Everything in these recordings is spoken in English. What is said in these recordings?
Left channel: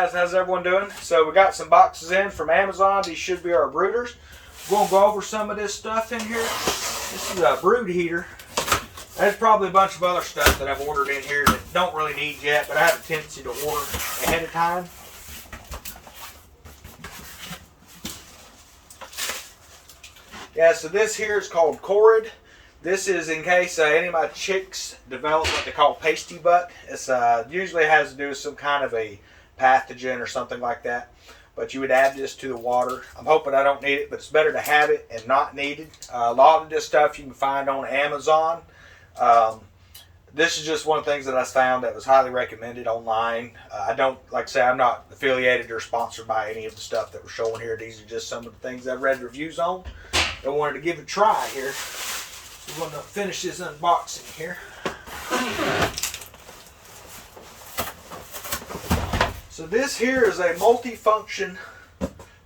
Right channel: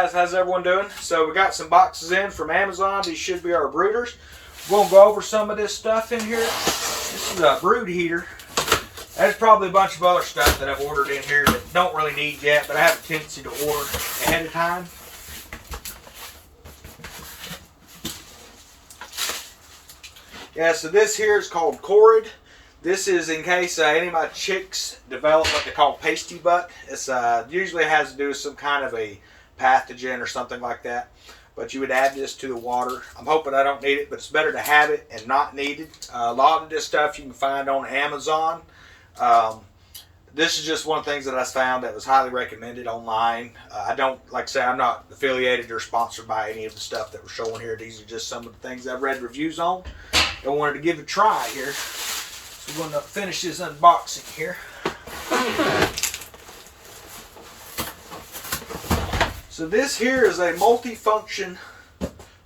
guys, how's everyone doing? So we got some boxes in from Amazon. These should be our brooders. We're going to go over some of this stuff in here. This is a brood heater. There's probably a bunch of other stuff that I've ordered in here that don't really need yet, but I have a tendency to order ahead of time. Yeah, so this here is called Corid. This is in case any of my chicks develop what they call pasty butt. It's usually has to do with some kind of a pathogen or something like that. But you would add this to the water. I'm hoping I don't need it, but it's better to have it and not need it. A lot of this stuff you can find on Amazon. This is just one of the things that I found that was highly recommended online. I don't, like I say, I'm not affiliated or sponsored by any of the stuff that we're showing here. These are just some of the things I've read reviews on. I wanted to give it a try here. So we're going to finish this unboxing here. So this here is a multi-function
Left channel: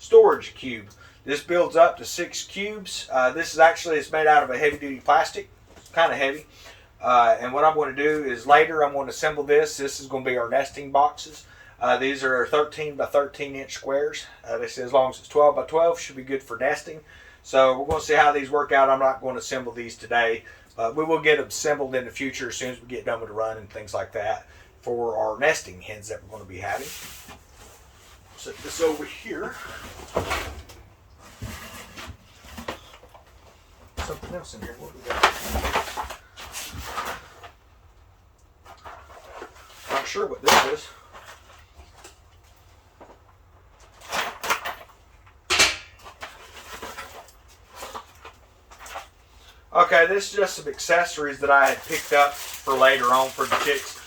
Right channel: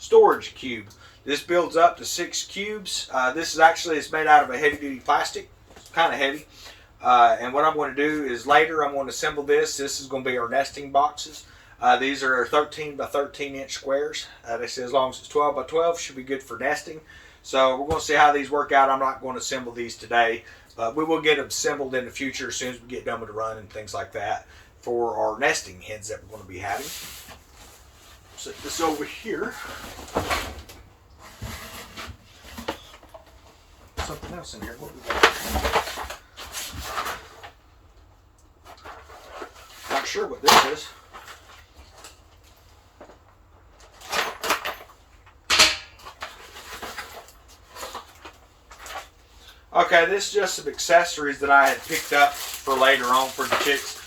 storage cube. This builds up to 6 cubes. This is actually, it's made out of a heavy-duty plastic. It's kind of heavy. And what I'm going to do is later I'm going to assemble this. This is going to be our nesting boxes. These are 13 by 13 inch squares. They say as long as it's 12 by 12 should be good for nesting. So we're going to see how these work out. I'm not going to assemble these today. We will get them assembled in the future as soon as we get done with the run and things like that for our nesting hens that we're going to be having. Set this over here. Something else in here. What do we got? Not sure what this is. Okay, this is just some accessories that I had picked up for later on for the chicks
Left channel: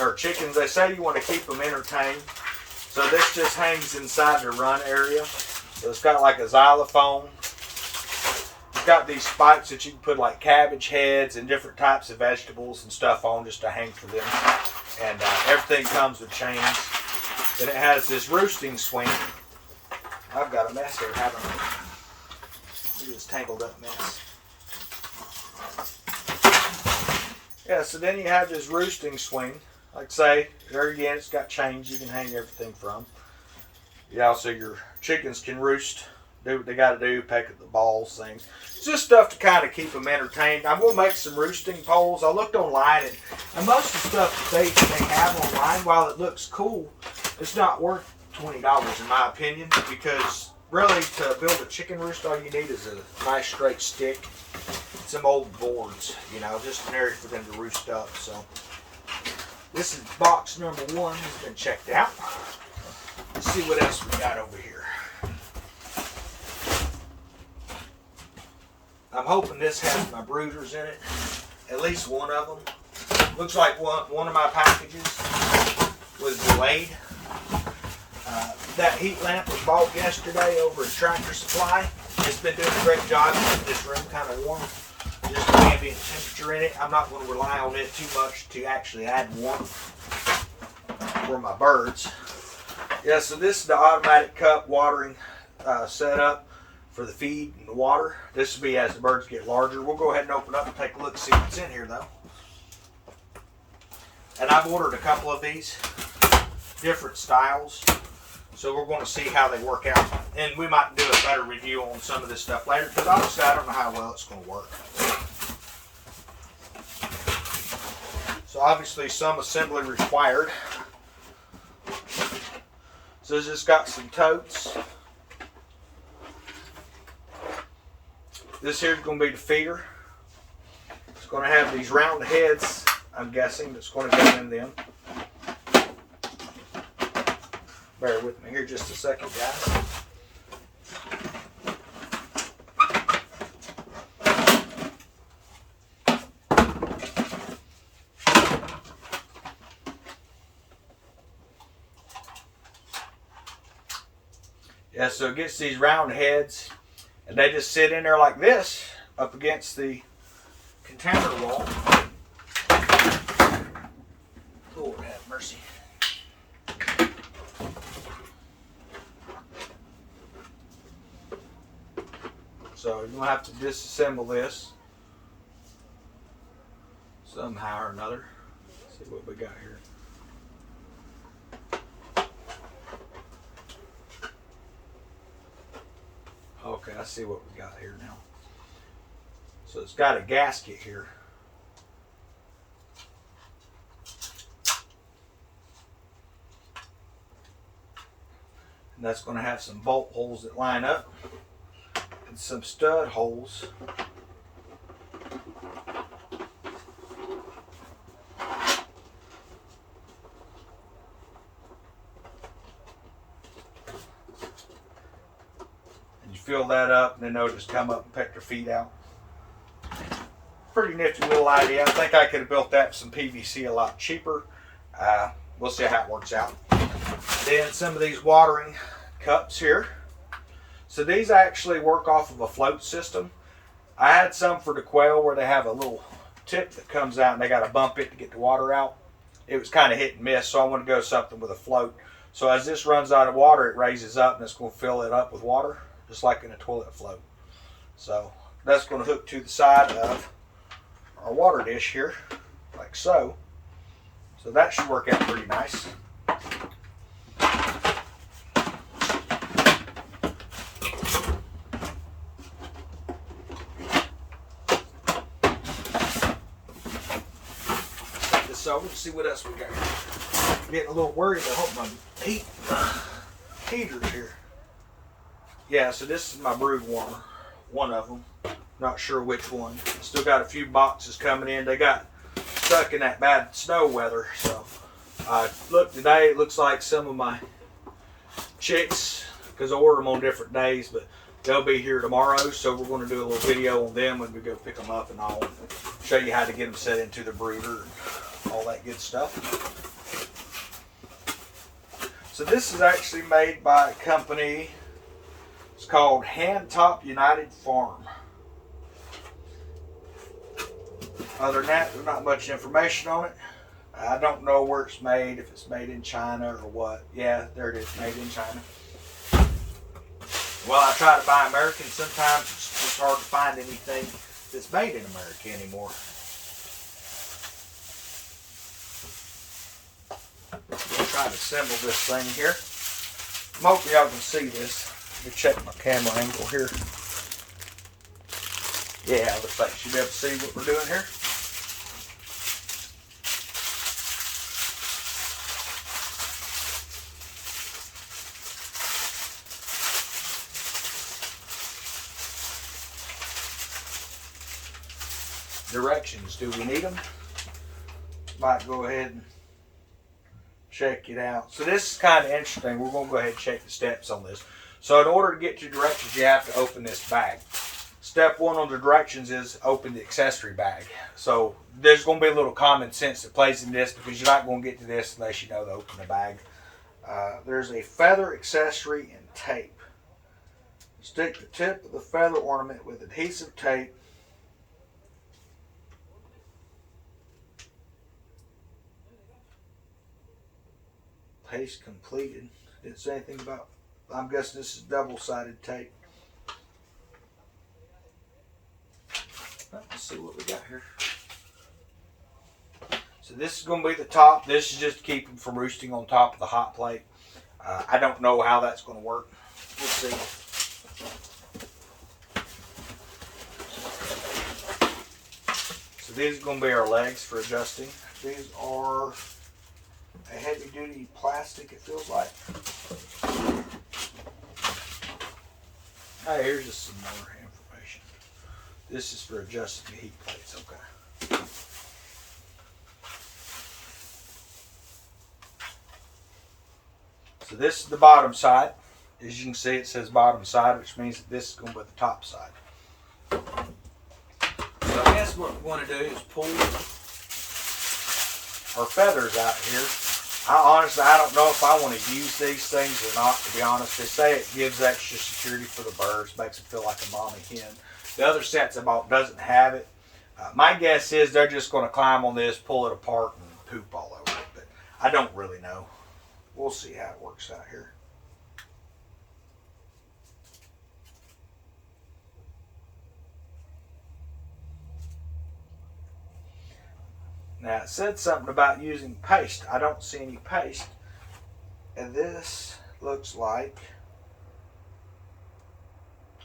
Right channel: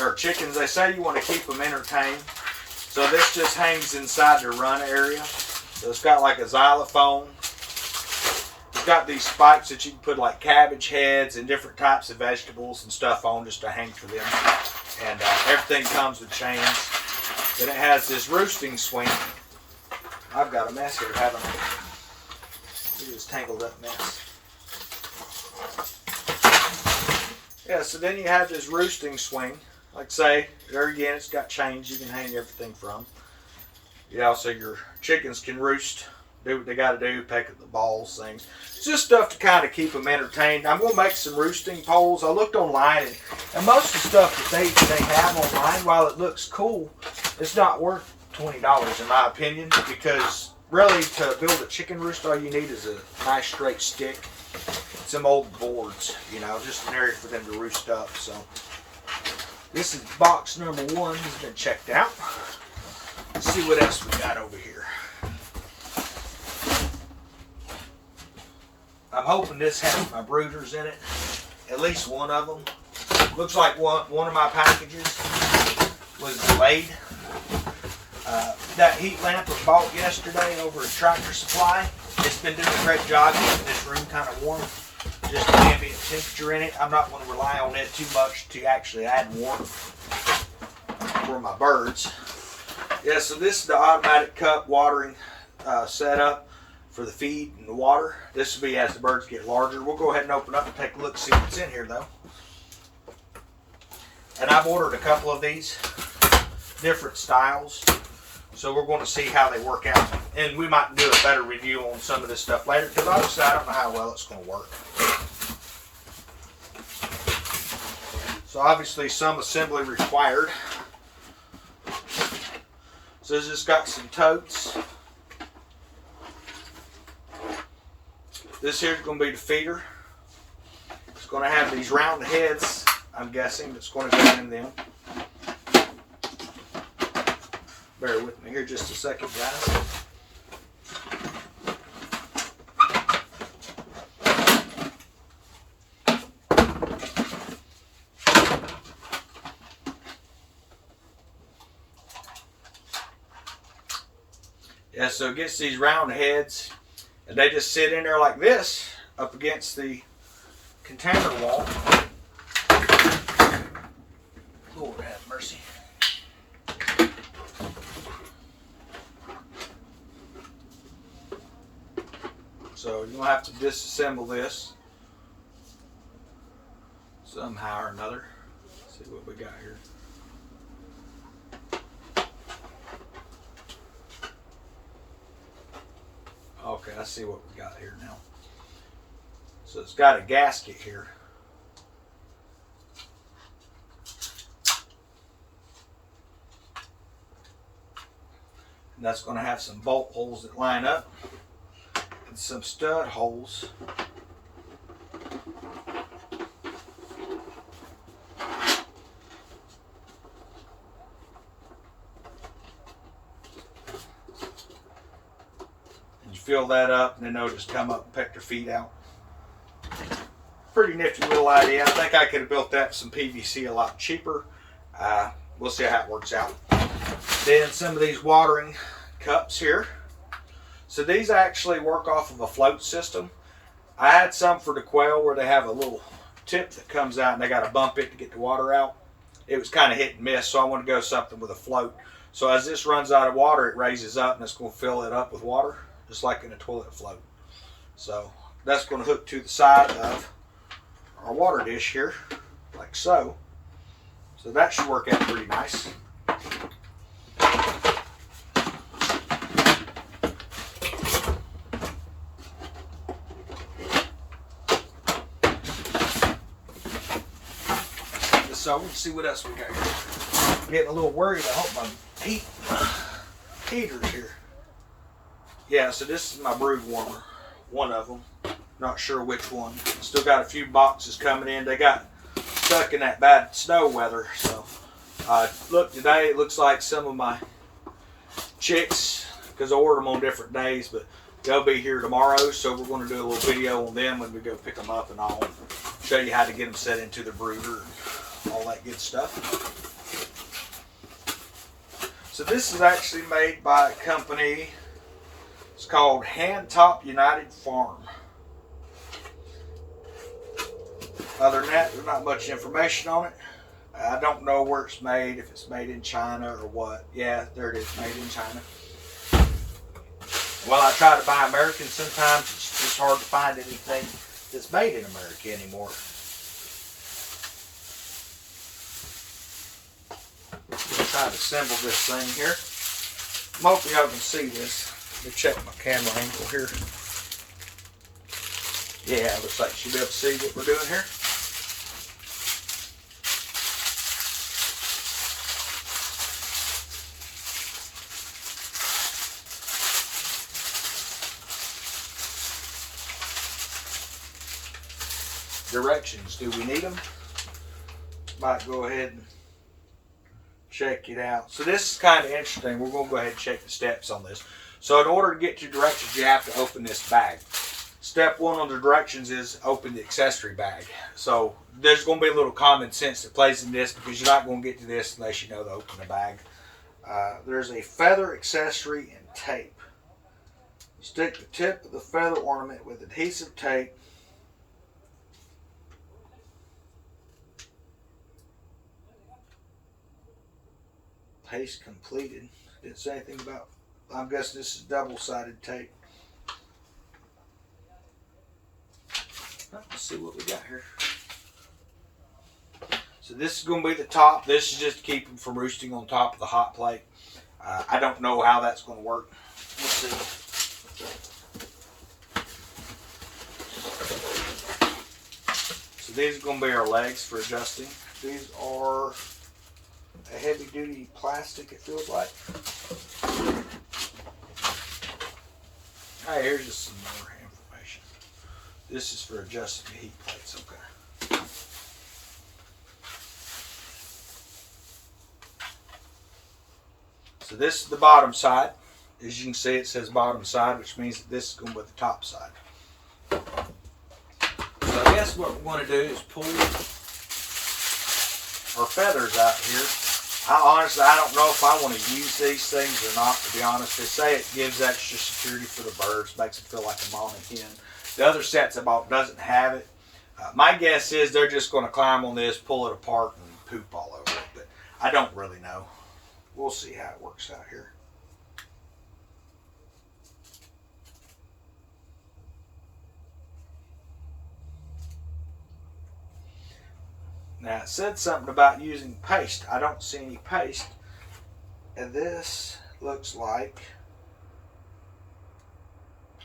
or chickens. They say you want to keep them entertained. So this just hangs inside the run area. So it's got like a xylophone. It's got these spikes that you can put like cabbage heads and different types of vegetables and stuff on just to hang for them. And everything comes with chains. Then it has this roosting swing. I've got a mess here, haven't I? Look at this tangled up mess. Yeah, so then you have this roosting swing. Like I say, there again, it's got chains you can hang everything from. Yeah, so your chickens can roost, do what they got to do, peck at the balls, things. It's just stuff to kind of keep them entertained. I'm going to make some roosting poles. I looked online, and most of the stuff that they have online, while it looks cool, it's not worth $20 in my opinion, because really to build a chicken roost, all you need is a nice straight stick. Some old boards, you know, just an area for them to roost up. So this is box number 1. It's been checked out. Let's see what else we got over here. I'm hoping this has my brooders in it. At least one of them. Looks like one of my packages was delayed. That heat lamp was bought yesterday over at Tractor Supply. It's been doing a great job keeping this room kind of warm. Just the ambient temperature in it. I'm not going to rely on it too much to actually add warmth for my birds. Yeah, so this is the automatic cup watering setup for the feed and the water. This will be as the birds get larger. We'll go ahead and open up and take a look, see what's in here though. And I've ordered a couple of these different styles. So we're going to see how they work out. And we might do a better review on some of this stuff later, because obviously I don't know how well it's going to work. So obviously some assembly required. So it's just got some totes. This here is going to be the feeder. It's going to have these round heads, I'm guessing, that's going to go in them. Bear with me here just a second, guys. Yeah, so it gets these round heads, and they just sit in there like this up against the container wall. Lord have mercy. So you're going to have to disassemble this somehow or another. Let's see what we got here. Let's see what we got here now. So it's got a gasket here. And that's going to have some bolt holes that line up and some stud holes. And you fill that up, and then they'll just come up and peck their feet out. Pretty nifty little idea. I think I could have built that with some PVC a lot cheaper. We'll see how it works out. Then some of these watering cups here. So these actually work off of a float system. I had some for the quail where they have a little tip that comes out and they got to bump it to get the water out. It was kind of hit and miss, so I want to go something with a float. So as this runs out of water, it raises up and it's going to fill it up with water, just like in a toilet float. So that's going to hook to the side of our water dish here, like so. So that should work out pretty nice. Take this over and see what else we got here. I'm getting a little worried. I hope my heater's here. Yeah, so this is my brood warmer. One of them. Not sure which one. Still got a few boxes coming in. They got stuck in that bad snow weather. So look, today it looks like some of my chicks, because I order them on different days, but they'll be here tomorrow. So we're going to do a little video on them when we go pick them up, and I'll show you how to get them set into the brooder and all that good stuff. So this is actually made by a company. It's called Hand Top United Farm. Other than that, there's not much information on it. I don't know where it's made, if it's made in China or what. Yeah, there it is, made in China. While I try to buy American, sometimes it's just hard to find anything that's made in America anymore. I'll try to assemble this thing here. I'm hoping y'all can see this. Let me check my camera angle here. Yeah, looks like you should be able to see what we're doing here. Directions, do we need them? Might go ahead and check it out. So this is kind of interesting. We're going to go ahead and check the steps on this. So in order to get to directions, you have to open this bag. Step one on the directions is open the accessory bag. So there's going to be a little common sense that plays in this, because you're not going to get to this unless you know to open the bag. There's a feather accessory and tape. Stick the tip of the feather ornament with adhesive tape paste completed. Didn't say anything about, I'm guessing this is double-sided tape. Let's see what we got here. So this is going to be the top. This is just to keep them from roosting on top of the hot plate. I don't know how that's going to work. We'll see. So these are going to be our legs for adjusting. These are a heavy duty plastic, it feels like. Hey, here's just some more information. This is for adjusting the heat plates, okay. So this is the bottom side. As you can see, it says bottom side, which means that this is going to be the top side. So I guess what we're going to do is pull our feathers out here. I don't know if I want to use these things or not, to be honest. They say it gives extra security for the birds, makes them feel like a mommy hen. The other sets I bought doesn't have it. My guess is they're just going to climb on this, pull it apart, and poop all over it. But I don't really know. We'll see how it works out here. Now it said something about using paste. I don't see any paste. And this looks like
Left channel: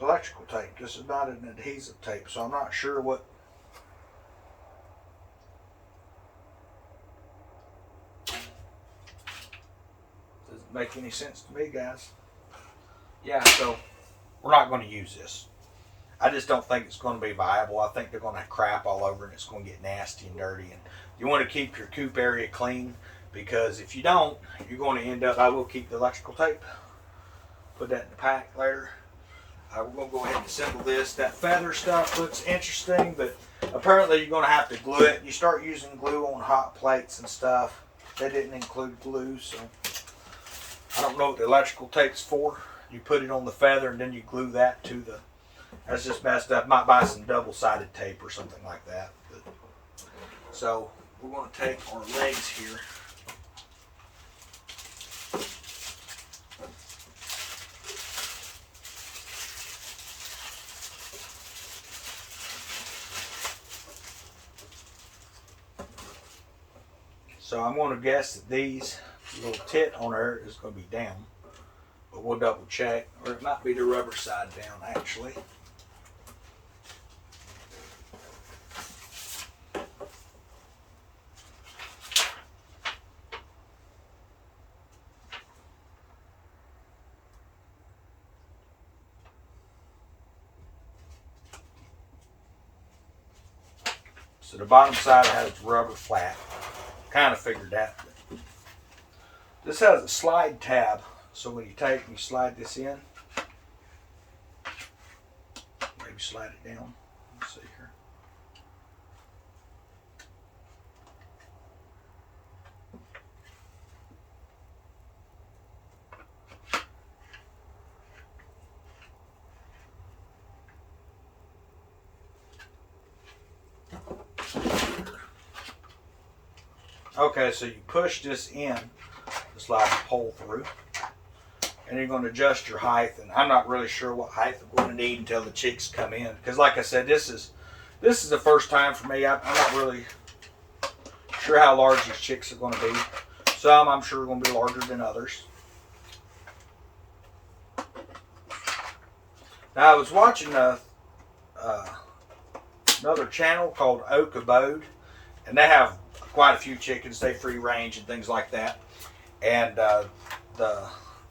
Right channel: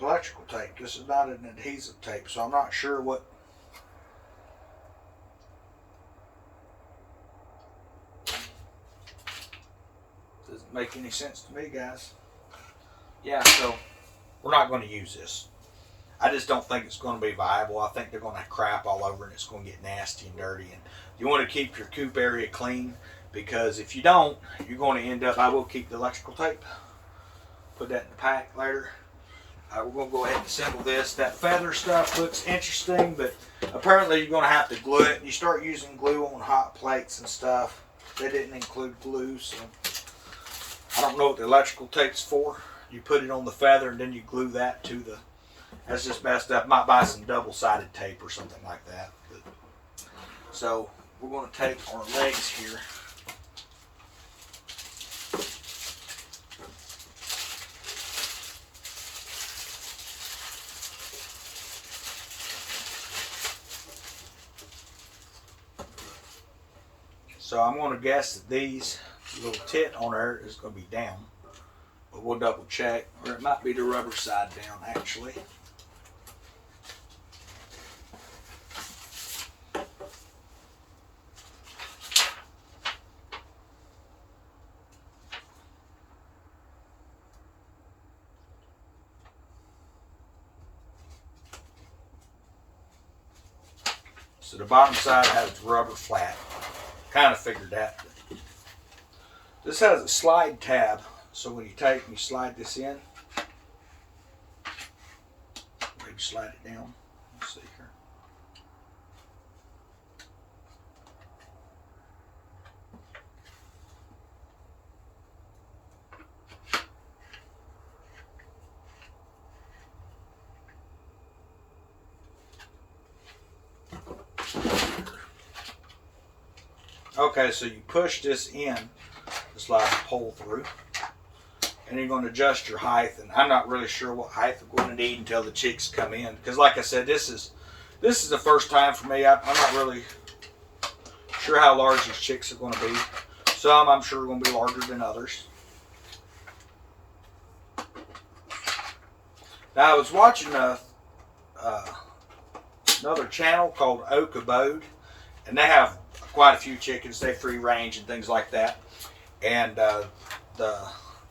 electrical tape. This is not an adhesive tape, so I'm not sure what. Doesn't make any sense to me, guys. Yeah, so we're not going to use this. I just don't think it's going to be viable. I think they're going to crap all over and it's going to get nasty and dirty. And you want to keep your coop area clean, because if you don't, you're going to end up. I will keep the electrical tape. Put that in the pack later. We're going to go ahead and assemble this. That feather stuff looks interesting, but apparently you're going to have to glue it. You start using glue on hot plates and stuff. They didn't include glue, so I don't know what the electrical tape's for. You put it on the feather and then you glue that to the. That's just messed up. Might buy some double-sided tape or something like that. But, so we're going to take our legs here. So I'm going to guess that these little tit on there is going to be down, but we'll double check, or it might be the rubber side down actually. So the bottom side has rubber flat. Kind of figured that. This has a slide tab, so when you take, you slide this in. Maybe slide it down. Let's see here. Okay, so you push this in to slide the pole through, and you're going to adjust your height. And I'm not really sure what height I'm going to need until the chicks come in, because like I said, this is the first time for me. I'm not really sure how large these chicks are going to be. Some I'm sure are going to be larger than others. Now I was watching another channel called Oak Abode, and they have quite a few chickens. They free range and things like that. And the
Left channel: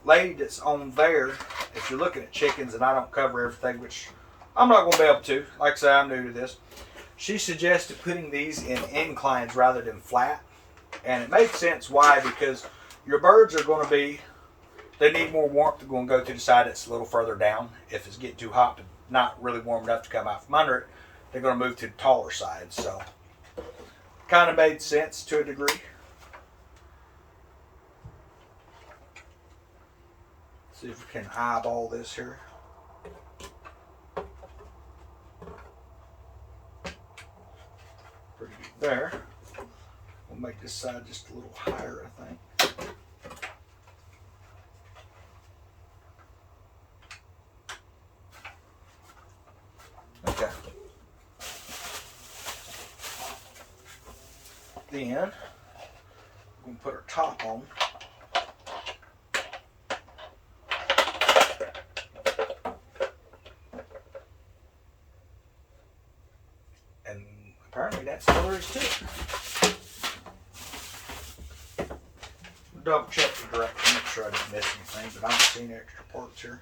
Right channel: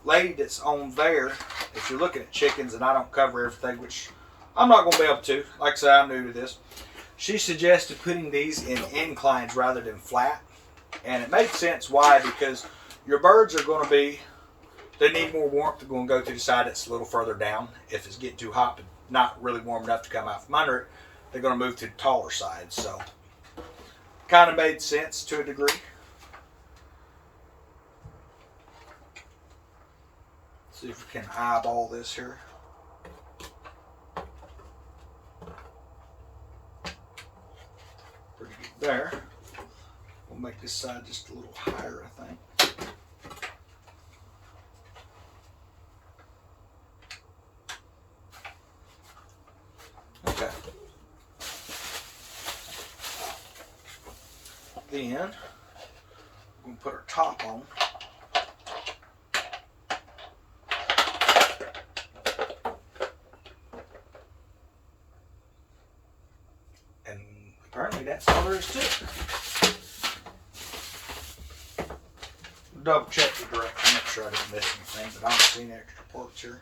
lady that's on there, if you're looking at chickens, and I don't cover everything, which I'm not going to be able to. Like I say, I'm new to this. She suggested putting these in inclines rather than flat. And it makes sense. Why? Because your birds are going to be, they need more warmth. They're going to go to the side that's a little further down. If it's getting too hot but not really warm enough to come out from under it, they're going to move to the taller side. So kind of made sense to a degree. See if we can eyeball this here. Pretty good there. We'll make this side just a little higher, I think. Okay. Then we're going to put our top on. And apparently that's all there is to it. Double check the direction, make sure I didn't miss anything, but I don't see any extra parts here.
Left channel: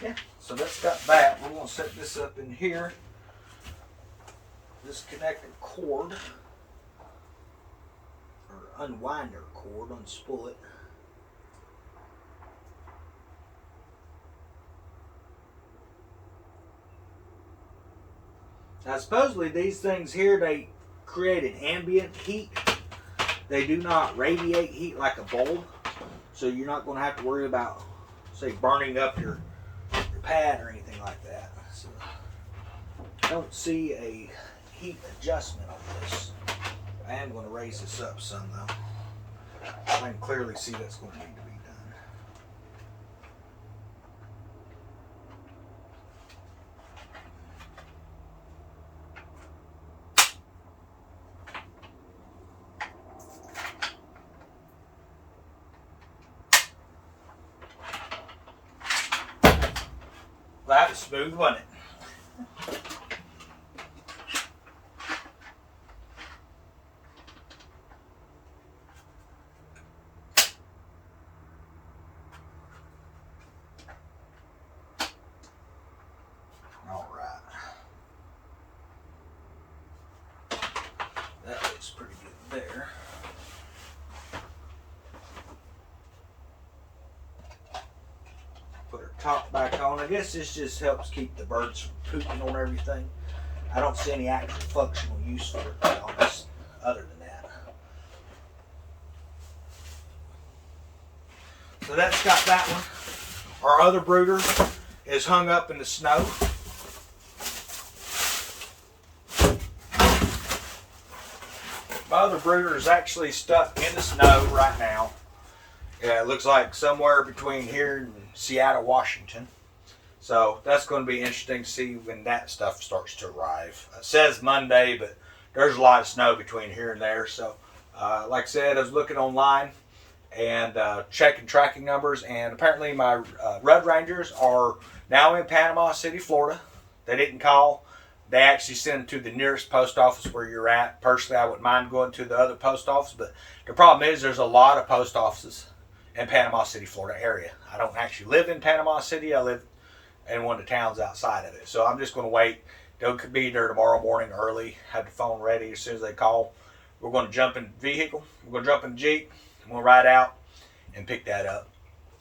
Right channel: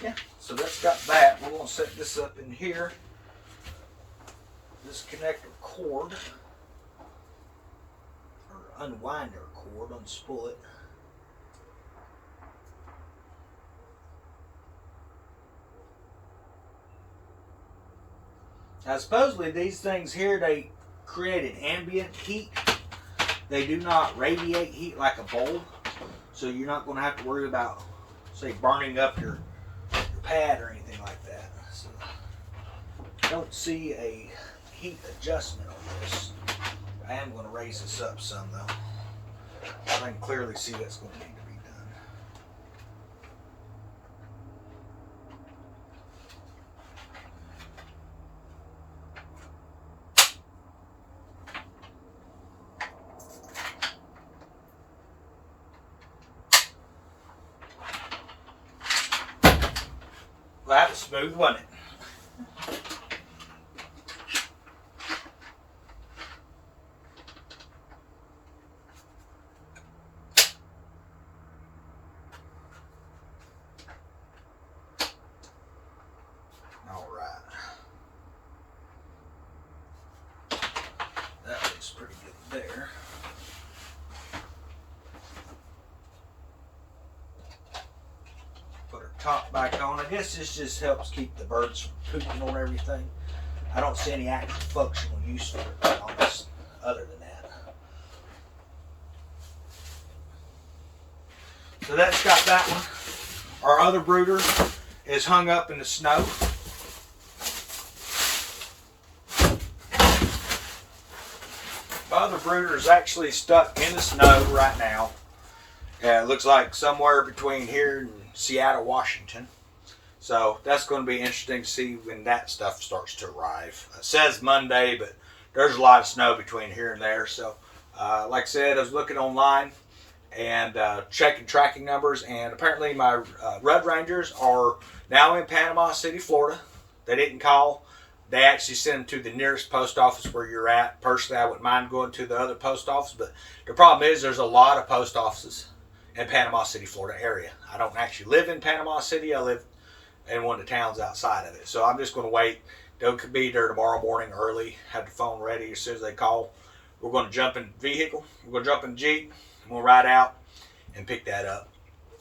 Yeah, so that's got that. We're going to set this up in here. This connector cord, or unwind our cord, unspool it. Now supposedly these things here, they create an ambient heat. They do not radiate heat like a bulb. So you're not going to have to worry about, say, burning up your pad or anything like that. So I don't see a heat adjustment on this. I am going to raise this up some though. I can clearly see that's going to need to be done. Well, that was smooth, wasn't it? All right. That looks pretty good there. Put our top back on. I guess this just helps keep the birds from pooping on everything. I don't see any actual functional use for it, to be honest, other than that. So that's got that one. Our other brooder is hung up in the snow. My other brooder is actually stuck in the snow right now. Yeah, it looks like somewhere between here and Seattle, Washington. So that's going to be interesting to see when that stuff starts to arrive. It says Monday, but there's a lot of snow between here and there. So like I said, I was looking online and checking tracking numbers, and apparently my Red Rangers are now in Panama City, Florida. They didn't call. They actually sent them to the nearest post office where you're at. Personally, I wouldn't mind going to the other post office, but the problem is there's a lot of post offices in Panama City, Florida area. I don't actually live in Panama City. I live in one of the towns outside of it. So I'm just going to wait. They'll be there tomorrow morning early. Have the phone ready as soon as they call. We're going to jump in the vehicle. We're going to jump in the Jeep. We'll ride out and pick that up.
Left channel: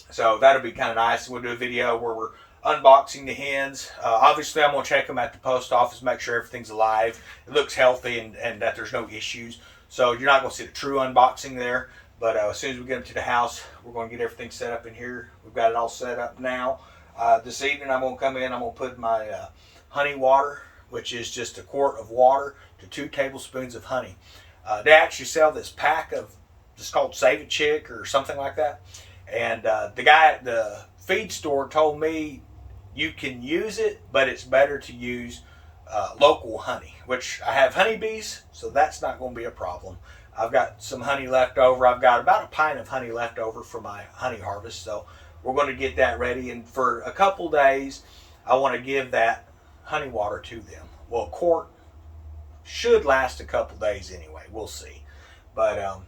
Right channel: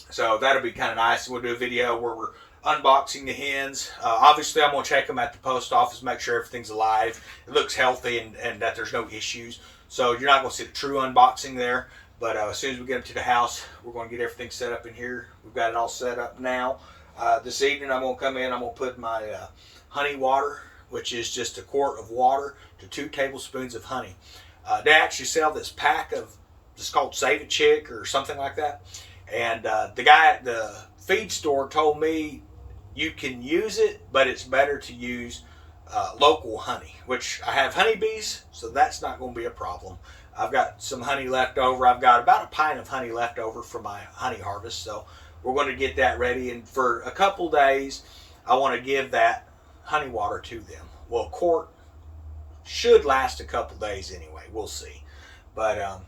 So that'll be kind of nice. We'll do a video where we're unboxing the hens. Obviously, I'm going to check them at the post office, make sure everything's alive, it looks healthy, and that there's no issues. So you're not going to see the true unboxing there. But as soon as we get them to the house, we're going to get everything set up in here. We've got it all set up now. This evening, I'm going to come in. I'm going to put my honey water, which is just a quart of water to 2 tablespoons of honey. They actually sell this pack of, it's called Save a Chick or something like that. And the guy at the feed store told me you can use it, but it's better to use local honey, which I have honeybees, so that's not going to be a problem. I've got some honey left over. I've got about a pint of honey left over for my honey harvest, so we're going to get that ready. And for a couple days, I want to give that honey water to them. Well, a quart should last a couple days anyway. We'll see. But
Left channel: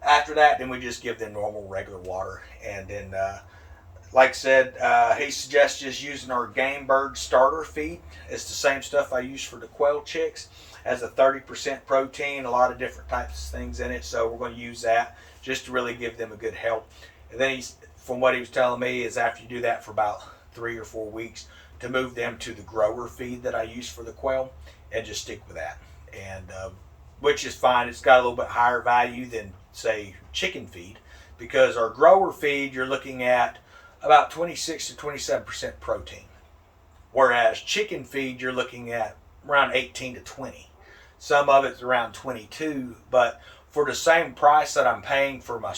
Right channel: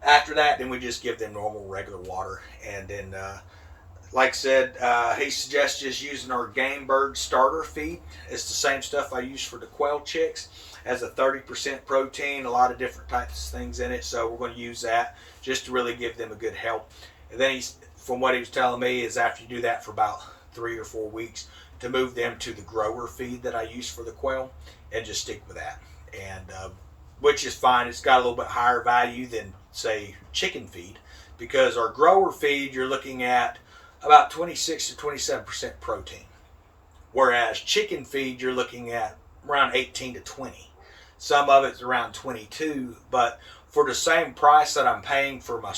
after that, then we just give them normal, regular water. And then, like I said, he suggests just using our Game Bird starter feed. It's the same stuff I use for the quail chicks. Has a 30% protein, a lot of different types of things in it. So we're going to use that just to really give them a good help. And then from what he was telling me, is after you do that for about 3 or 4 weeks, to move them to the grower feed that I use for the quail and just stick with that. And which is fine. It's got a little bit higher value than, say, chicken feed, because our grower feed, you're looking at about 26 to 27% protein. Whereas chicken feed, you're looking at around 18 to 20. Some of it's around 22, but for the same price that I'm paying for my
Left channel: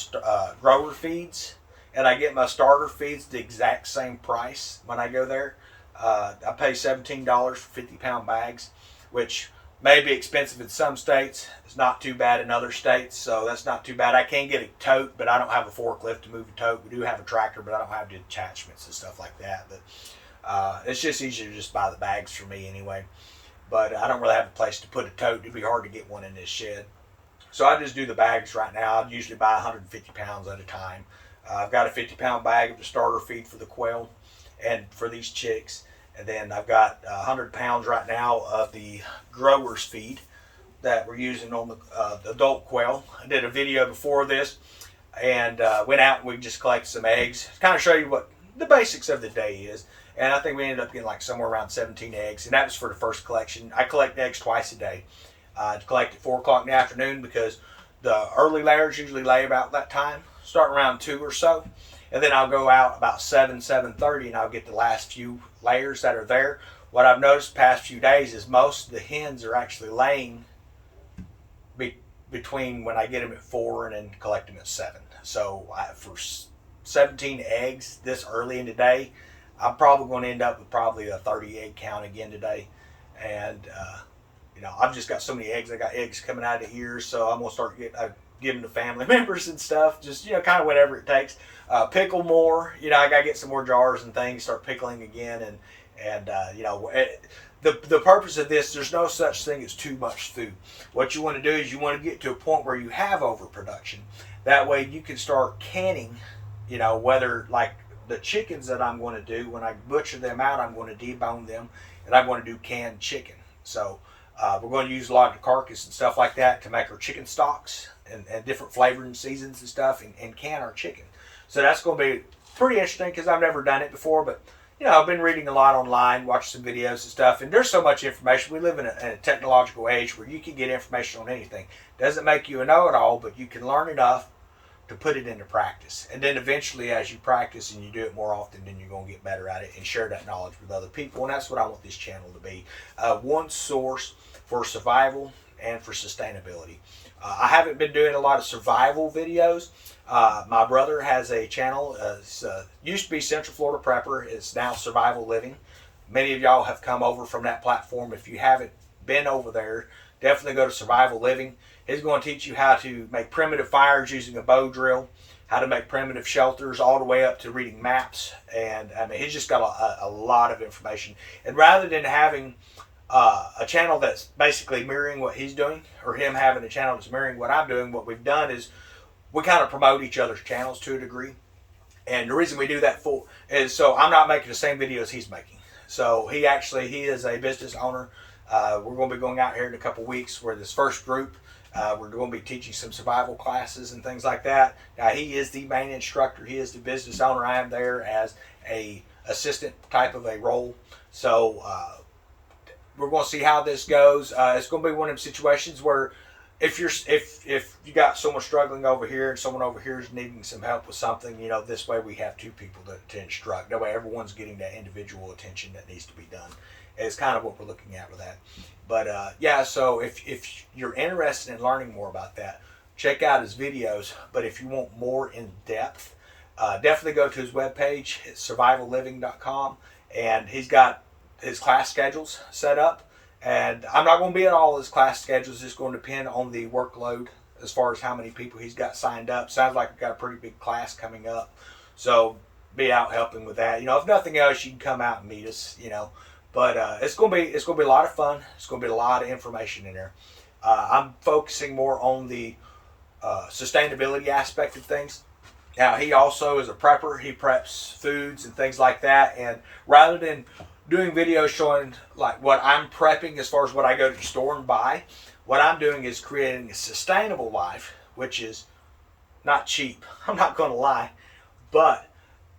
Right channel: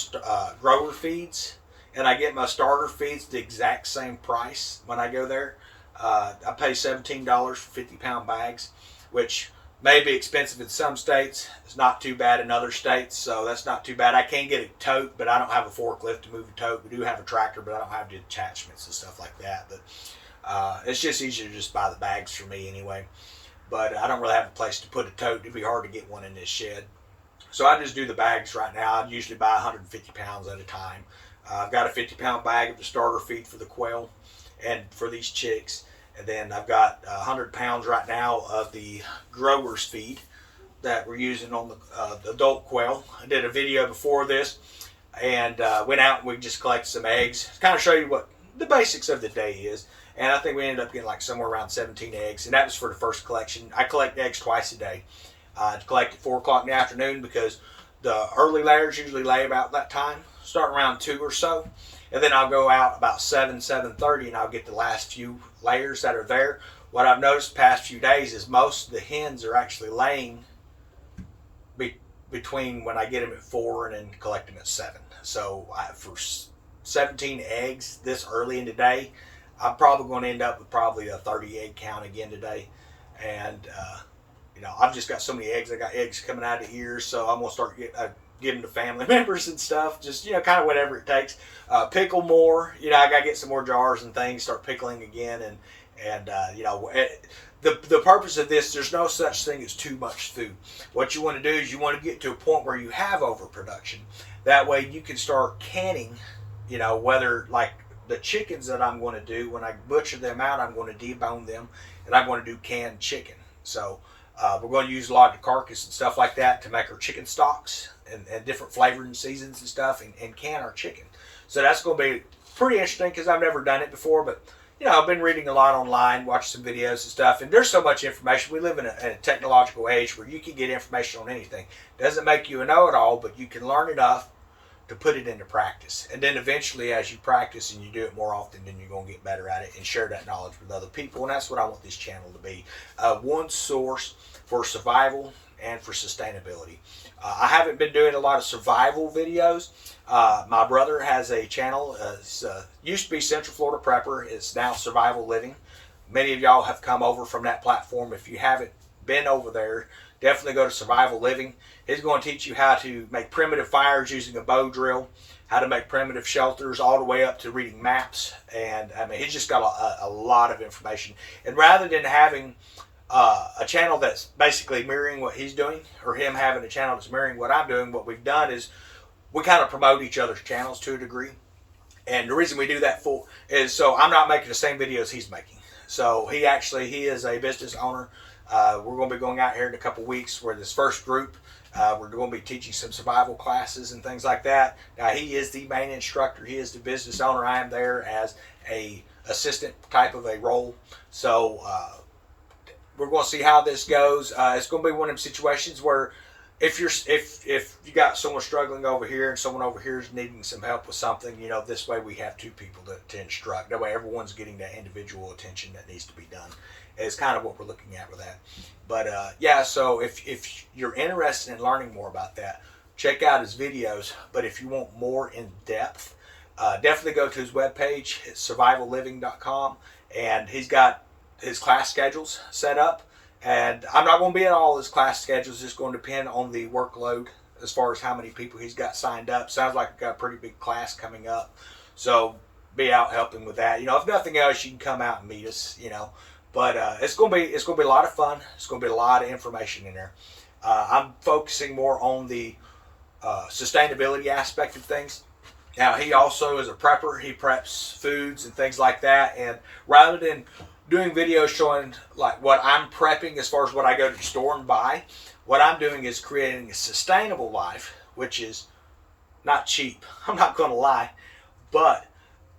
grower feeds, and I get my starter feeds the exact same price when I go there. I pay $17 for 50-pound bags, which may be expensive in some states. It's not too bad in other states, so that's not too bad. I can get a tote, but I don't have a forklift to move a tote. We do have a tractor, but I don't have the attachments and stuff like that. But it's just easier to just buy the bags for me anyway. But I don't really have a place to put a tote. It'd be hard to get one in this shed. So I just do the bags right now. I usually buy 150 pounds at a time. I've got a 50-pound bag of the starter feed for the quail and for these chicks. And then I've got 100 pounds right now of the grower's feed that we're using on the adult quail. I did a video before this and went out and we just collected some eggs to kind of show you what the basics of the day is. And I think we ended up getting like somewhere around 17 eggs. And that was for the first collection. I collect eggs twice a day. I collect at 4 o'clock in the afternoon because the early layers usually lay about that time, starting around 2 or so. And then I'll go out about 7:30 and I'll get the last few layers that are there. What I've noticed the past few days is most of the hens are actually laying between when I get them at 4 and then collect them at 7. So for 17 eggs this early in the day, I'm probably going to end up with probably a 38 count again today. And, I've just got so many eggs. I got eggs coming out of here, so I'm going to start giving to family members and stuff. Just, kind of whatever it takes. Pickle more. I got to get some more jars and things, start pickling again. The purpose of this, there's no such thing as too much food. What you want to do is you want to get to a point where you have overproduction. That way you can start canning, whether like the chickens that I'm going to do, when I butcher them out, I'm going to debone them and I'm going to do canned chicken. So we're going to use a lot of the carcass and stuff like that to make our chicken stocks and different flavoring seasons and stuff and can our chicken. So that's going to be pretty interesting because I've never done it before, but I've been reading a lot online, watching some videos and stuff, and there's so much information. We live in a technological age where you can get information on anything. Doesn't make you a know-it-all, but you can learn enough to put it into practice. And then eventually, as you practice and you do it more often, then you're going to get better at it and share that knowledge with other people. And that's what I want this channel to be. One source for survival and for sustainability. I haven't been doing a lot of survival videos. My brother has a channel. Used to be Central Florida Prepper. It's now Survival Living. Many of y'all have come over from that platform. If you haven't been over there, definitely go to Survival Living. He's going to teach you how to make primitive fires using a bow drill, how to make primitive shelters, all the way up to reading maps. And he's just got a lot of information. And rather than having a channel that's basically mirroring what he's doing, or him having a channel that's mirroring what I'm doing, what we've done is we kind of promote each other's channels to a degree. And the reason we do that is so I'm not making the same videos he's making. So he is a business owner. We're going to be going out here in a couple weeks where this first group, we're going to be teaching some survival classes and things like that. Now he is the main instructor. He is the business owner. I am there as a assistant type of a role. So we're going to see how this goes. It's going to be one of them situations where if you got someone struggling over here and someone over here is needing some help with something, this way we have two people to instruct. That way everyone's getting that individual attention that needs to be done. It's kind of what we're looking at with that. But so if you're interested in learning more about that, check out his videos. But if you want more in depth, definitely go to his webpage. It's survivalliving.com, and he's got his class schedules set up. And I'm not going to be at all his class schedules. It's just going to depend on the workload as far as how many people he's got signed up. Sounds like we've got a pretty big class coming up. So be out helping with that. If nothing else, you can come out and meet us, But it's going to be a lot of fun. It's going to be a lot of information in there. I'm focusing more on the sustainability aspect of things. Now, he also is a prepper. He preps foods and things like that. And rather than doing videos showing like what I'm prepping as far as what I go to the store and buy, what I'm doing is creating a sustainable life, which is not cheap. I'm not going to lie. But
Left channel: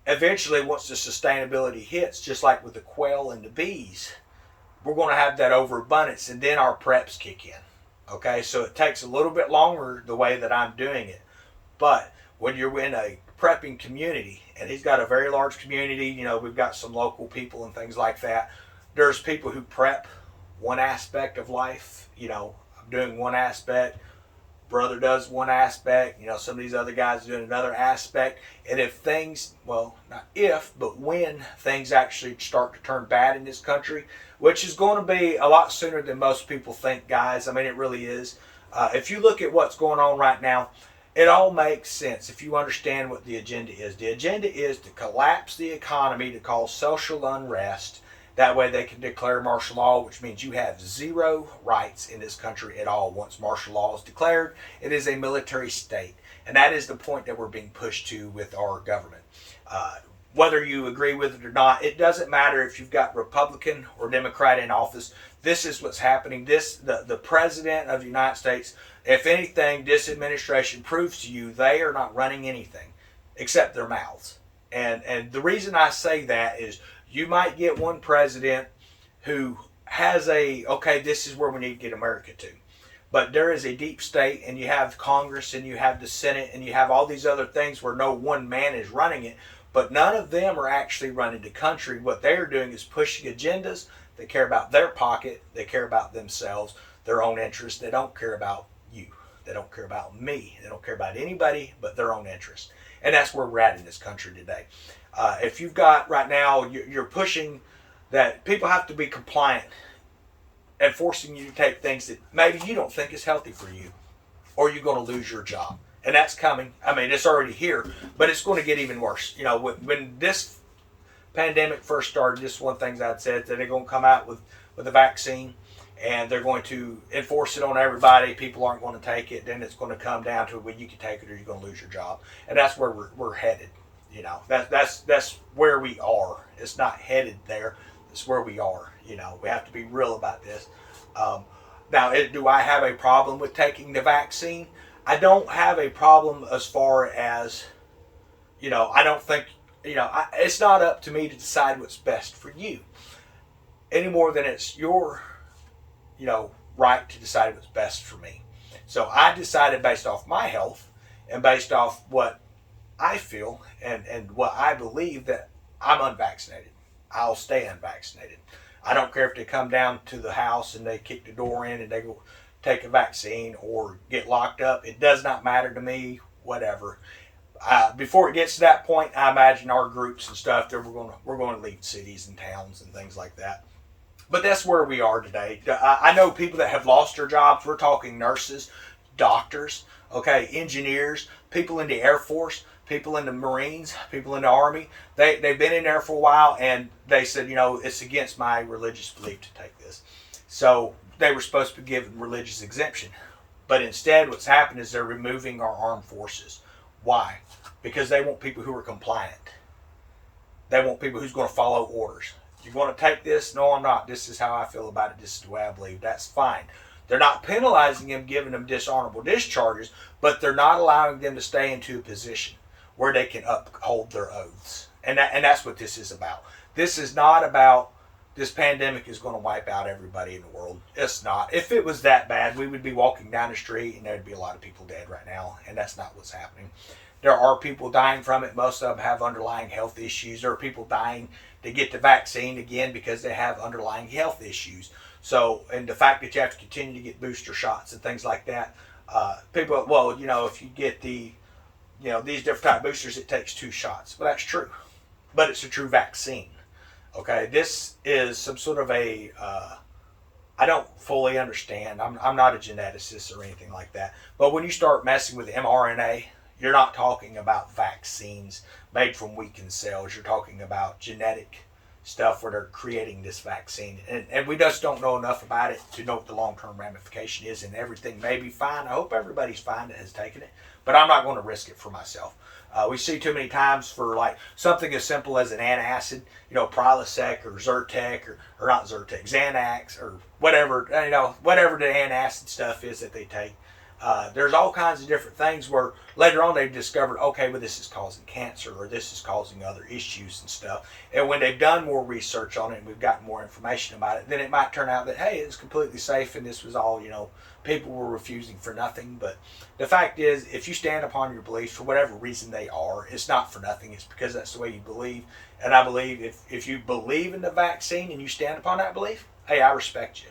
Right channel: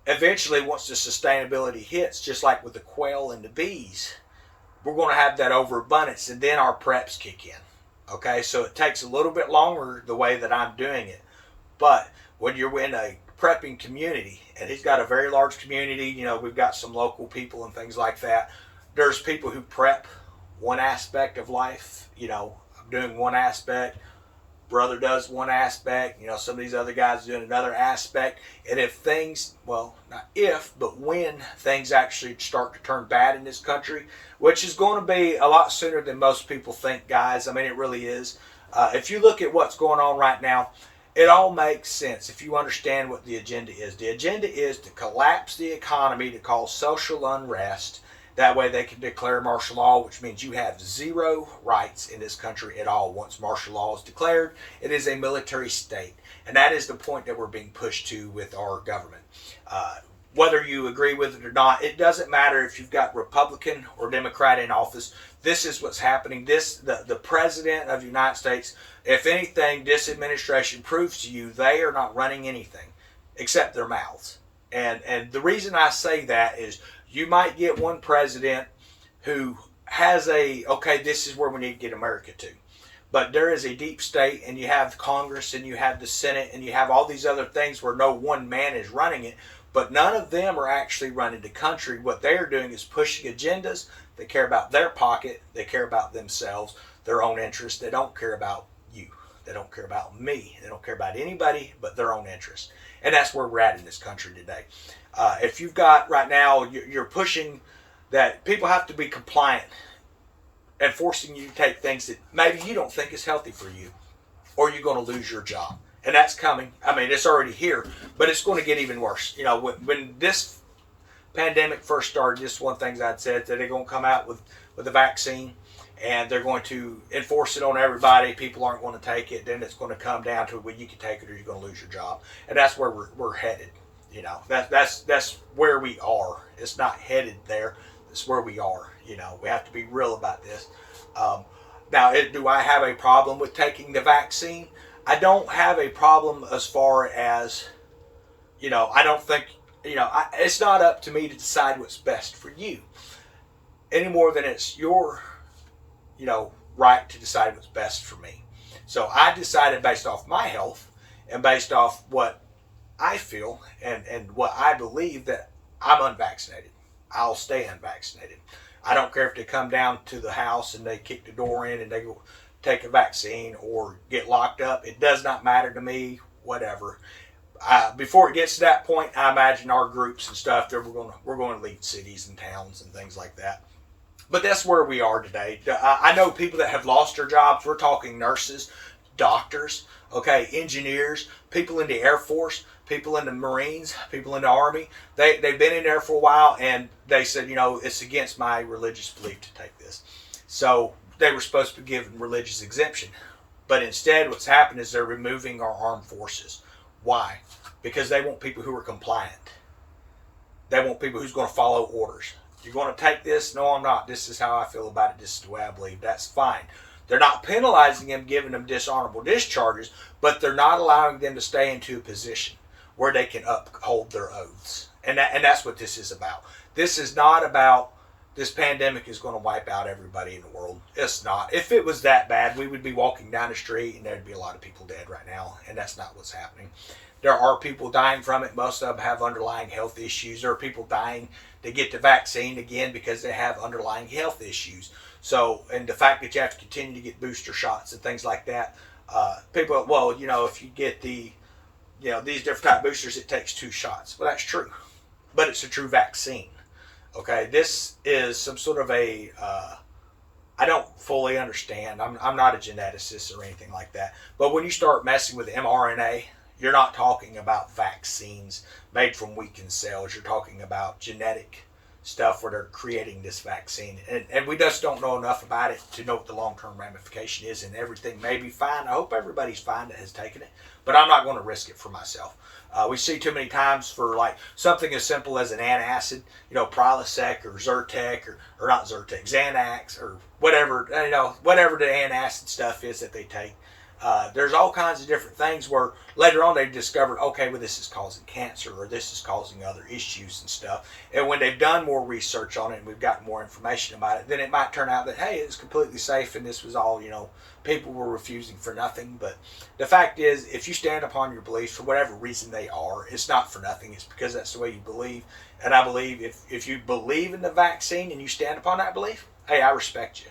eventually, once the sustainability hits, just like with the quail and the bees, we're going to have that overabundance, and then our preps kick in. Okay, so it takes a little bit longer the way that I'm doing it. But when you're in a prepping community, and he's got a very large community, we've got some local people and things like that. There's people who prep one aspect of life. I'm doing one aspect. Brother does one aspect, some of these other guys are doing another aspect. And if things, well, not if, but when things actually start to turn bad in this country, which is going to be a lot sooner than most people think, guys. It really is. If you look at what's going on right now, it all makes sense if you understand what the agenda is. The agenda is to collapse the economy, to cause social unrest. That way they can declare martial law, which means you have zero rights in this country at all. Once martial law is declared, it is a military state. And that is the point that we're being pushed to with our government. Whether you agree with it or not, it doesn't matter if you've got Republican or Democrat in office. This is what's happening. The President of the United States, if anything, this administration proves to you they are not running anything except their mouths. And the reason I say that is you might get one president who has this is where we need to get America to. But there is a deep state, and you have Congress, and you have the Senate, and you have all these other things where no one man is running it. But none of them are actually running the country. What they are doing is pushing agendas. They care about their pocket. They care about themselves, their own interests. They don't care about you. They don't care about me. They don't care about anybody but their own interest. And that's where we're at in this country today. If you've got right now, you're pushing that people have to be compliant and forcing you to take things that maybe you don't think is healthy for you, or you're going to lose your job. And that's coming. I mean, it's already here, but it's going to get even worse. You know, when this pandemic first started, just one thing I'd said that they're going to come out with a vaccine and they're going to enforce it on everybody. People aren't going to take it. Then it's going to come down to where you can take it or you're going to lose your job. And that's where we're headed. You know, that's where we are. It's not headed there. It's where we are. You know, we have to be real about this. Now, do I have a problem with taking the vaccine? I don't have a problem as far as, you know, I don't think, you know, it's not up to me to decide what's best for you any more than it's your, you know, right to decide what's best for me. So I decided based off my health and based off what I feel and what I believe that I'm unvaccinated. I'll stay unvaccinated. I don't care if they come down to the house and they kick the door in and they go take a vaccine or get locked up. It does not matter to me, whatever. Before it gets to that point, I imagine our groups and stuff that we're going to leave cities and towns and things like that. But that's where we are today. I know people that have lost their jobs. We're talking nurses, doctors, okay, engineers, people in the Air Force, people in the Marines, people in the Army. They've been in there for a while, and they said, you know, it's against my religious belief to take this. So they were supposed to be given religious exemption. But instead, what's happened is they're removing our armed forces. Why? Because they want people who are compliant. They want people who's going to follow orders. You're going to take this? No, I'm not. This is how I feel about it. This is the way I believe. That's fine. They're not penalizing them, giving them dishonorable discharges, but they're not allowing them to stay into a position where they can uphold their oaths. And that's what this is about. This is not about this pandemic is going to wipe out everybody in the world. It's not. If it was that bad, we would be walking down the street and there'd be a lot of people dead right now, and that's not what's happening. There are people dying from it. Most of them have underlying health issues. There are people dying to get the vaccine again because they have underlying health issues. So, and the fact that you have to continue to get booster shots and things like that, people, well, you know, if you get the, you know, these different type boosters, it takes 2 shots. Well, that's true, but it's a true vaccine. Okay, this is some sort of a, I don't fully understand. I'm not a geneticist or anything like that. But when you start messing with mRNA, you're not talking about vaccines made from weakened cells. You're talking about genetic stuff where they're creating this vaccine. And we just don't know enough about it to know what the long-term ramification is, and everything may be fine. I hope everybody's fine that has taken it, but I'm not going to risk it for myself. We see too many times for like something as simple as an antacid, you know, Prilosec or Zyrtec or not Zyrtec, Xanax or whatever, you know, whatever the antacid stuff is that they take. There's all kinds of different things where later on they've discovered, okay, well, this is causing cancer or this is causing other issues and stuff. And when they've done more research on it and we've gotten more information about it, then it might turn out that, hey, it's completely safe and this was all, you know, people were refusing for nothing. But the fact is, if you stand upon your beliefs for whatever reason they are, it's not for nothing. It's because that's the way you believe. And I believe if you believe in the vaccine and you stand upon that belief, hey, I respect you.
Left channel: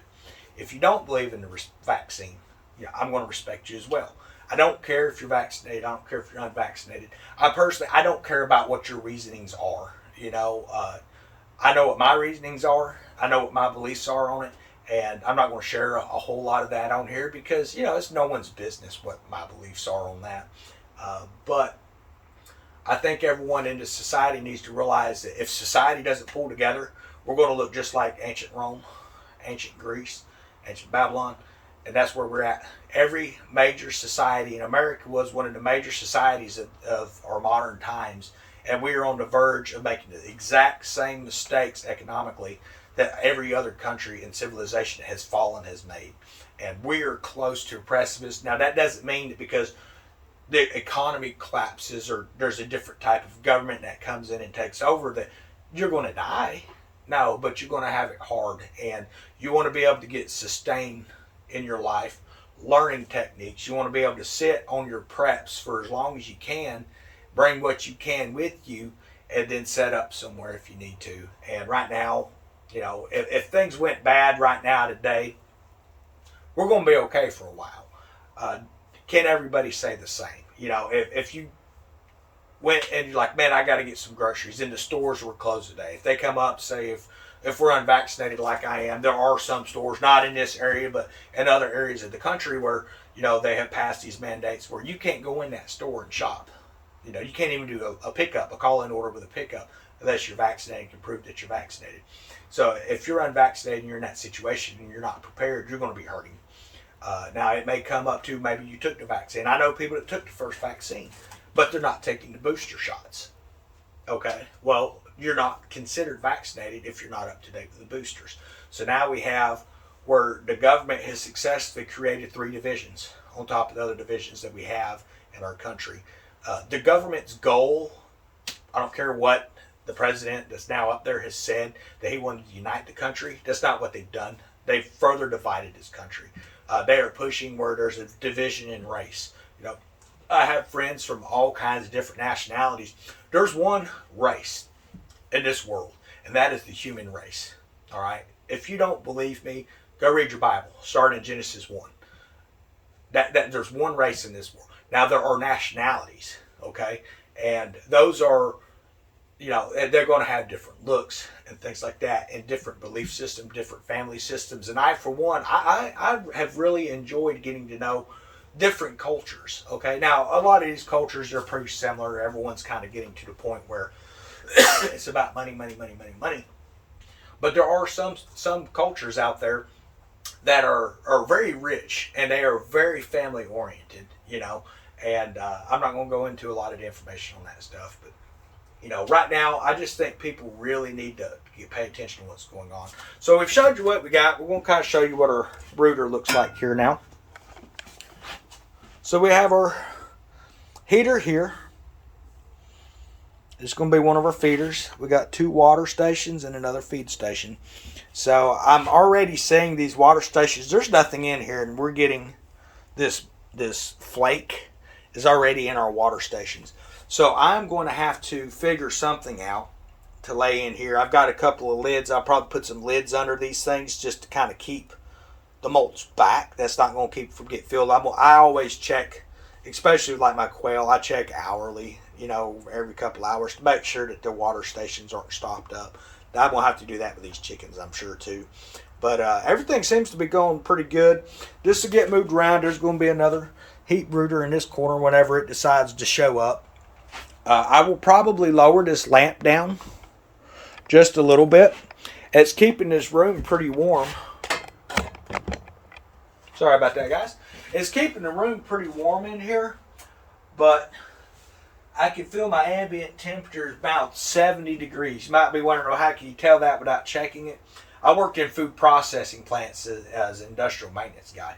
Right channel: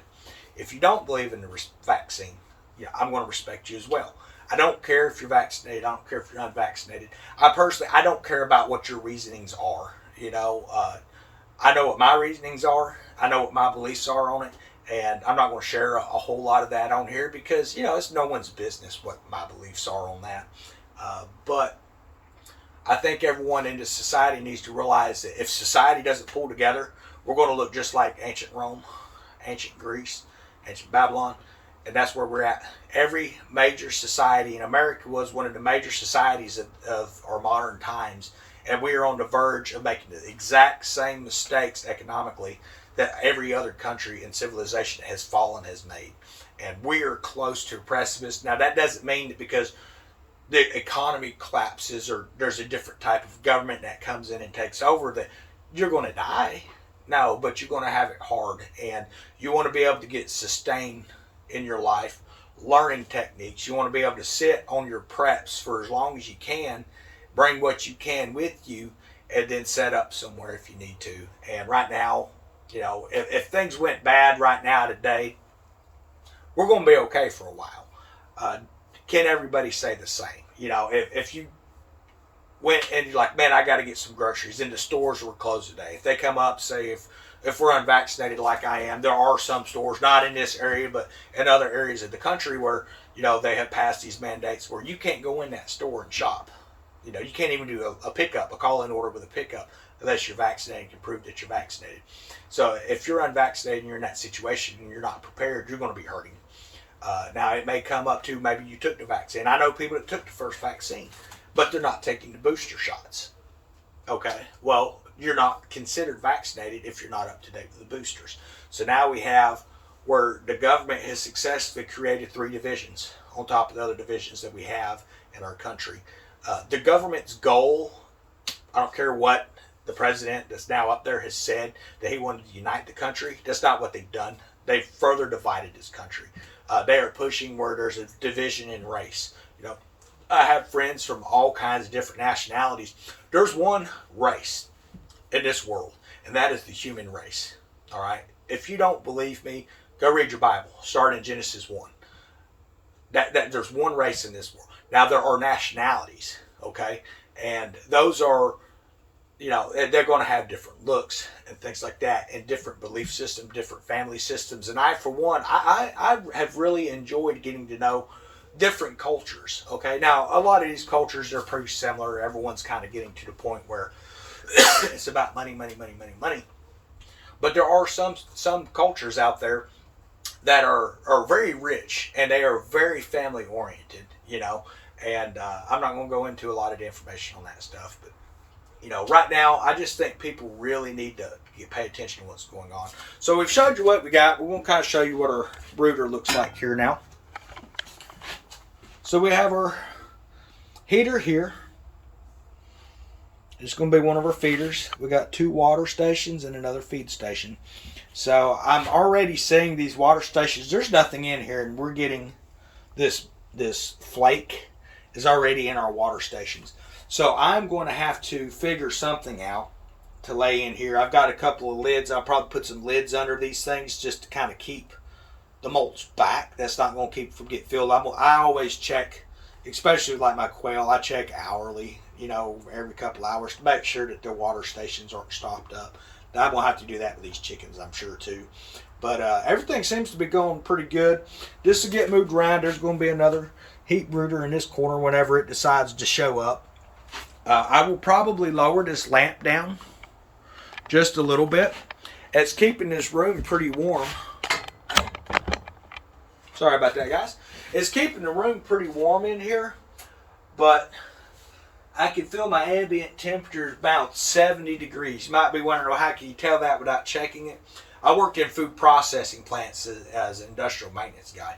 If you don't believe in the vaccine, yeah, I'm going to respect you as well. I don't care if you're vaccinated. I don't care if you're unvaccinated. I don't care about what your reasonings are. You know, I know what my reasonings are. I know what my beliefs are on it. And I'm not going to share a whole lot of that on here because, you know, it's no one's business what my beliefs are on that. But I think everyone in this society needs to realize that if society doesn't pull together, we're going to look just like ancient Rome, ancient Greece, ancient Babylon. And that's where we're at. Every major society, and America was one of the major societies of our modern times, and we are on the verge of making the exact same mistakes economically that every other country in civilization has made. And we are close to a precipice. Now, that doesn't mean that because the economy collapses or there's a different type of government that comes in and takes over that you're going to die. No, but you're going to have it hard, and you want to be able to get sustained in your life, learning techniques. You want to be able to sit on your preps for as long as you can, bring what you can with you, and then set up somewhere if you need to. And right now, you know, if things went bad right now today, we're going to be okay for a while. can everybody say the same? If you went and you're like, man, I got to get some groceries, and the stores were closed today. If they come up, say if we're unvaccinated like I am, there are some stores, not in this area, but in other areas of the country where, they have passed these mandates where you can't go in that store and shop. You can't even do a pickup, a call-in order with a pickup, unless you're vaccinated and can prove that you're vaccinated. So if you're unvaccinated and you're in that situation and you're not prepared, you're going to be hurting. Now, it may come up to maybe you took the vaccine. I know people that took the first vaccine, but they're not taking the booster shots. Okay, well, you're not considered vaccinated if you're not up to date with the boosters. So now we have where the government has successfully created 3 divisions on top of the other divisions that we have in our country. The government's goal, I don't care what the president that's now up there has said, that he wanted to unite the country. That's not what they've done. They've further divided this country. They are pushing where there's a division in race. I have friends from all kinds of different nationalities. There's one race in this world, and that is the human race. All right? If you don't believe me, go read your Bible. Start in Genesis 1. That there's one race in this world. Now, there are nationalities, okay? And those are, they're going to have different looks and things like that, and different belief systems, different family systems. And I, for one, I have really enjoyed getting to know different cultures, okay? Now, a lot of these cultures are pretty similar. Everyone's kind of getting to the point where it's about money, money, money, money, money. But there are some cultures out there that are very rich, and they are very family oriented, and I'm not going to go into a lot of the information on that stuff, but right now I just think people really need to pay attention to what's going on. So we've showed you what we got. We're going to kind of show you what our brooder looks like here now. So we have our heater here. It's going to be one of our feeders. We got 2 water stations and another feed station. So I'm already seeing these water stations. There's nothing in here, and we're getting this flake is already in our water stations. So I'm going to have to figure something out to lay in here. I've got a couple of lids. I'll probably put some lids under these things just to kind of keep the molts back. That's not going to keep from getting filled. I always check, especially like my quail, I check hourly, every couple hours to make sure that the water stations aren't stopped up. I'm going to have to do that with these chickens, I'm sure, too. But everything seems to be going pretty good. This will get moved around. There's going to be another heat brooder in this corner whenever it decides to show up. I will probably lower this lamp down just a little bit. It's keeping this room pretty warm. Sorry about that, guys. It's keeping the room pretty warm in here, but I can feel my ambient temperature is about 70 degrees. You might be wondering, how can you tell that without checking it? I worked in food processing plants as an industrial maintenance guy.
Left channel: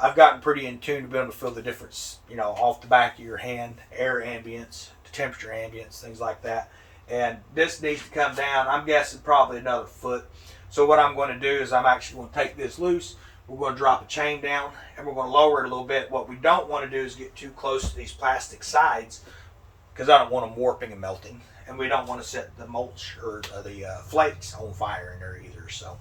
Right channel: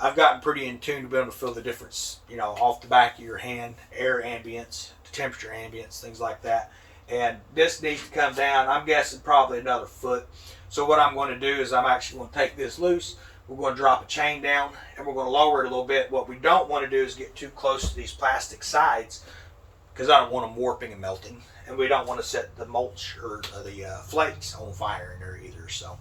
I've gotten pretty in tune to be able to feel the difference, off the back of your hand, air ambience, temperature ambience, things like that. And this needs to come down, I'm guessing probably another foot. So what I'm going to do is I'm actually going to take this loose. We're going to drop a chain down, and we're going to lower it a little bit. What we don't want to do is get too close to these plastic sides, because I don't want them warping and melting. And we don't want to set the mulch or the flakes on fire in there either. So,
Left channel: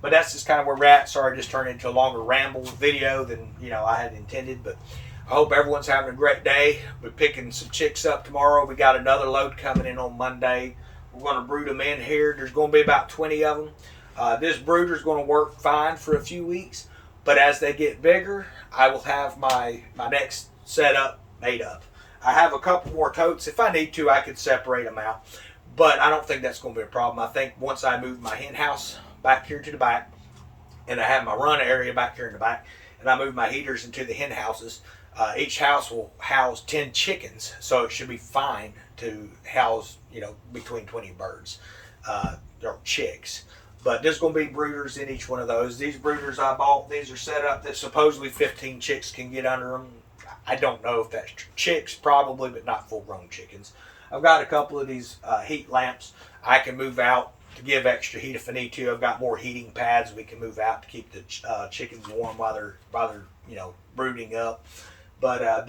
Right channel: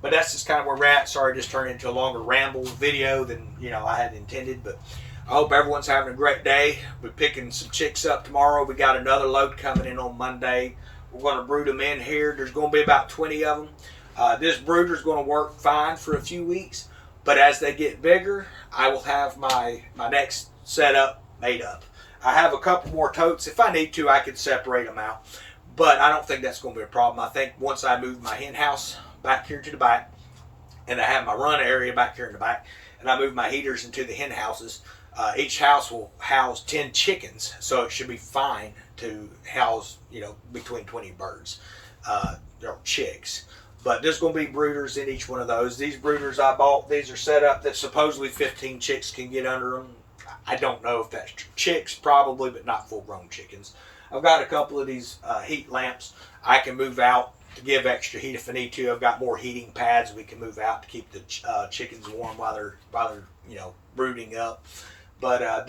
but that's just kind of where we're at. Sorry, it just turned into a longer ramble video than I had intended. But I hope everyone's having a great day. We're picking some chicks up tomorrow. We got another load coming in on Monday. We're going to brood them in here. There's going to be about 20 of them. This brooder is going to work fine for a few weeks, but as they get bigger, I will have my next setup made up. I have a couple more totes. If I need to, I could separate them out, but I don't think that's going to be a problem. I think once I move my hen house back here to the back, and I have my run area back here in the back, and I move my heaters into the hen houses, each house will house 10 chickens, so it should be fine to house, between 20 birds or chicks. But there's going to be brooders in each one of those. These brooders I bought, these are set up that supposedly 15 chicks can get under them. I don't know if that's chicks, probably, but not full-grown chickens. I've got a couple of these heat lamps I can move out to give extra heat if I need to. I've got more heating pads we can move out to keep the chickens warm while they're brooding up. But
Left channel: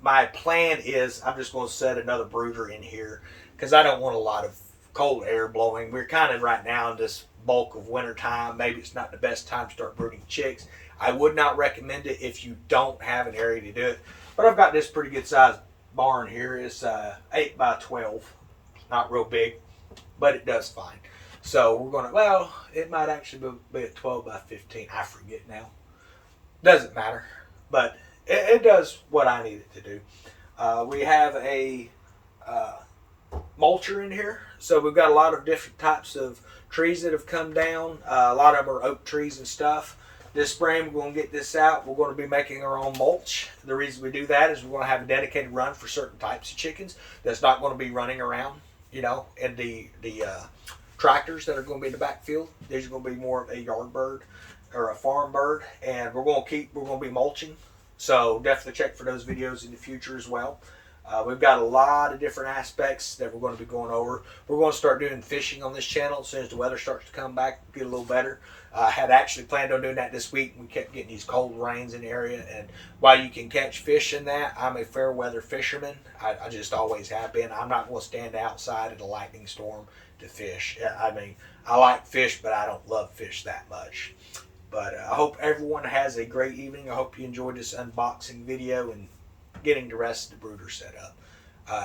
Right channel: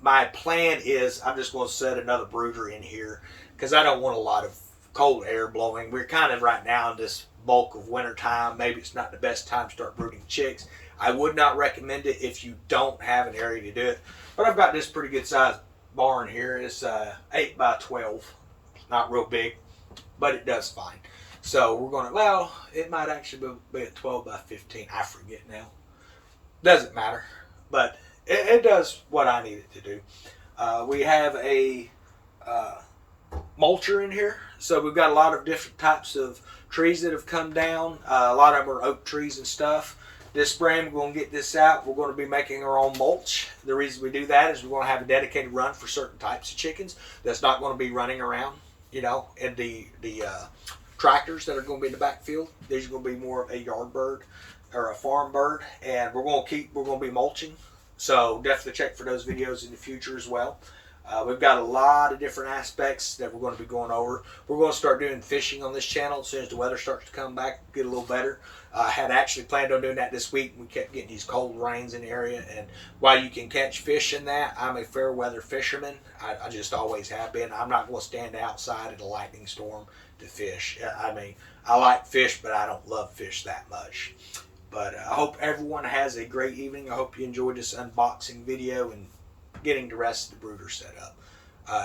my plan is I'm just going to set another brooder in here because I don't want a lot of cold air blowing. We're kind of right now in this bulk of winter time. Maybe it's not the best time to start brooding chicks. I would not recommend it if you don't have an area to do it. But I've got this pretty good sized barn here. It's 8 by 12, not real big, but it does fine. So we're gonna, well, it might actually be a 12 by 15. I forget now. Doesn't matter, but it does what I need it to do. We have a mulcher in here, so we've got a lot of different types of trees that have come down. A lot of them are oak trees and stuff. This spring we're going to get this out. We're going to be making our own mulch. The reason we do that is we're going to have a dedicated run for certain types of chickens that's not going to be running around, you know, in the tractors that are going to be in the backfield. These are going to be more of a yard bird or a farm bird, and we're going to be mulching. So definitely check for those videos in the future as well. We've got a lot of different aspects that we're going to be going over. We're going to start doing fishing on this channel as soon as the weather starts to come back, get a little better. I had actually planned on doing that this week. We kept getting these cold rains in the area, and while you can catch fish in that, I'm a fair weather fisherman. I just always have been. I'm not going to stand outside in a lightning storm to fish. I mean, I like fish, but I don't love fish that much. But I hope everyone has a great evening. I hope you enjoyed this unboxing video and getting the rest of the brooder set up.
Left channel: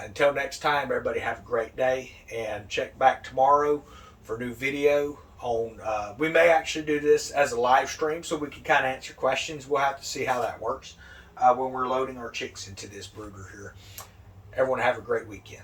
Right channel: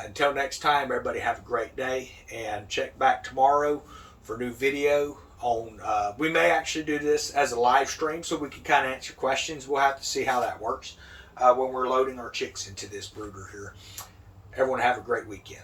Until next time, everybody have a great day, and check back tomorrow for a new video on, we may actually do this as a live stream so we can kind of answer questions. We'll have to see how that works when we're loading our chicks into this brooder here. Everyone have a great weekend.